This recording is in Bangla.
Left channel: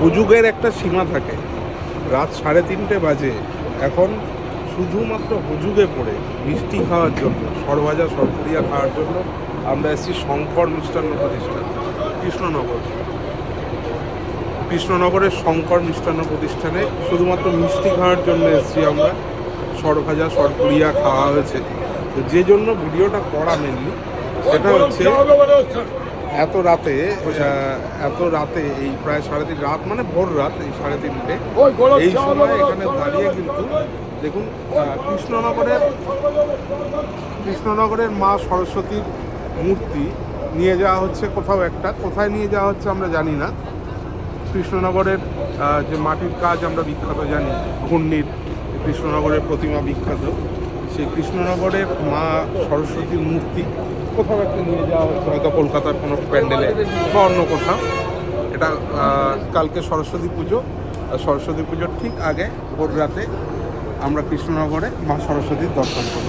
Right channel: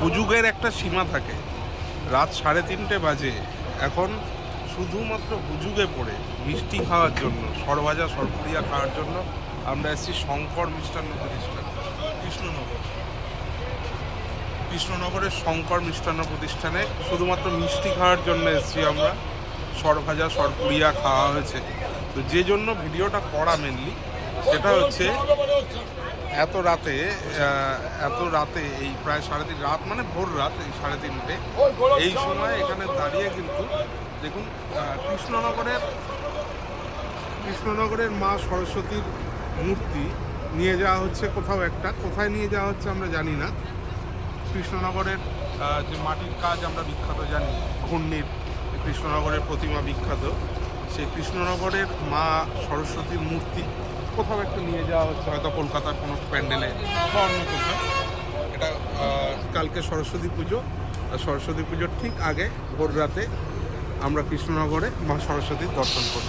হুজুগের একটা সীমা থাকে। রাত 3:30 বাজে, এখন শুধুমাত্র হুজুগে পড়ে মিষ্টি খাওয়ার জন্য, সরভাজা সরপুরিয়া খাওয়ার জন্য আমরা এসেছি শঙ্কর মিষ্টান্ন প্রতিষ্ঠান, কৃষ্ণনগরের শঙ্কর মিষ্টান্ন প্রতিষ্ঠানে। শুধুমাত্র মিষ্টি খাওয়ার জন্য এসেছি আমরা। সরভাজা সরপুরিয়া খাওয়া হয়েছে। তো যে জন্য ভিডিওটা করা মেনলি সেটা হচ্ছে এত রাতে এই প্রায় 3:30 রাত, মানে ভোর রাত, এই 3:30 এই সময় এখানে দাঁড়িয়ে কিন্তু দেখুন কৃষ্ণনগরের মা সরস্বতীর মূর্তি নিয়ে যাওয়া হচ্ছে কোথায় নিয়ে যাওয়া হচ্ছে আমরা জানি না। কৃষ্ণনগরের যে মাটির কাজ আমরা বিখ্যাত জানি, ঘূর্ণির কৃষ্ণনগরের প্রতিমা বিখ্যাত, সেই কৃষ্ণনগরের মা সরস্বতীর মূর্তি কোথাও একটা নিয়ে যাওয়া হচ্ছে, হয়তো কলকাতার কোনো প্যান্ডেলে বা অন্য কোথাও। এটা কালকে সরস্বতী পুজো, সরস্বতী পুজোর ঠিক আগে ভোর রাতে আমরা কৃষ্ণনগরে মা সরস্বতীর দর্শন করি।